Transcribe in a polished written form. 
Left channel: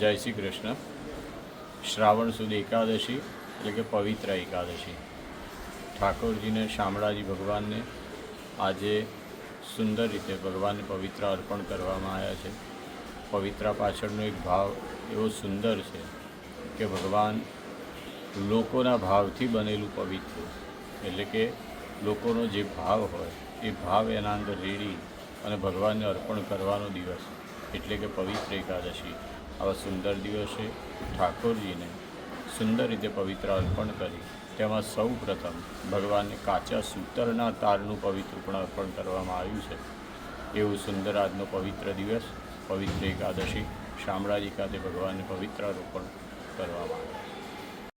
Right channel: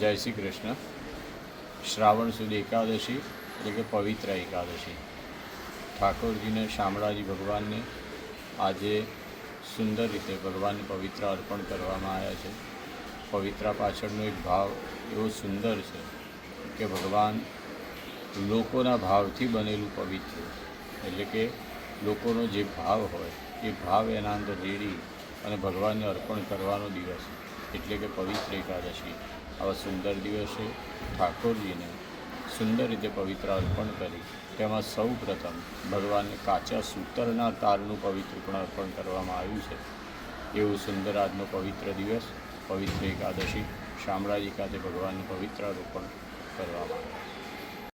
જય શ્રી કૃષ્ણ. શ્રાવણ સુદ એકાદશી એટલે કે પવિત્ર એકાદશી. ઠાકોરજીને શામળાજી ભગવાનને આજે સુંદર રીતે ભગવાનને પવિત્ર અર્પણ કરવામાં આવ્યા છે. પવિત્રા પાછળનો એક ભાવ એવો સુંદર છે કે ભગવાન લોકોના ભાવથી બનેલું પવિત્ર, એટલે કે લોકોનો જે ભાવ હોય એ ભાવ એના અંદર રેડી અને ભગવાનને અર્પણ કરવાનો દિવસ એટલે કે પવિત્ર એકાદશી. આવા સુંદર દિવસે ઠાકોરજીને સુંદર રીતે પવિત્ર અર્પણ કરી તેમાં સૌ પ્રથમ ભગવાનને કાચા સૂતરના તારનું પવિત્ર પણ અર્પણ કરવામાં આવ્યું છે. એવું સુંદર આજનો પવિત્ર દિવસ પવિત્ર એકાદશી શામળાજી ખાતે ભગવાનને પવિત્ર અર્પણ કરવામાં આવ્યું.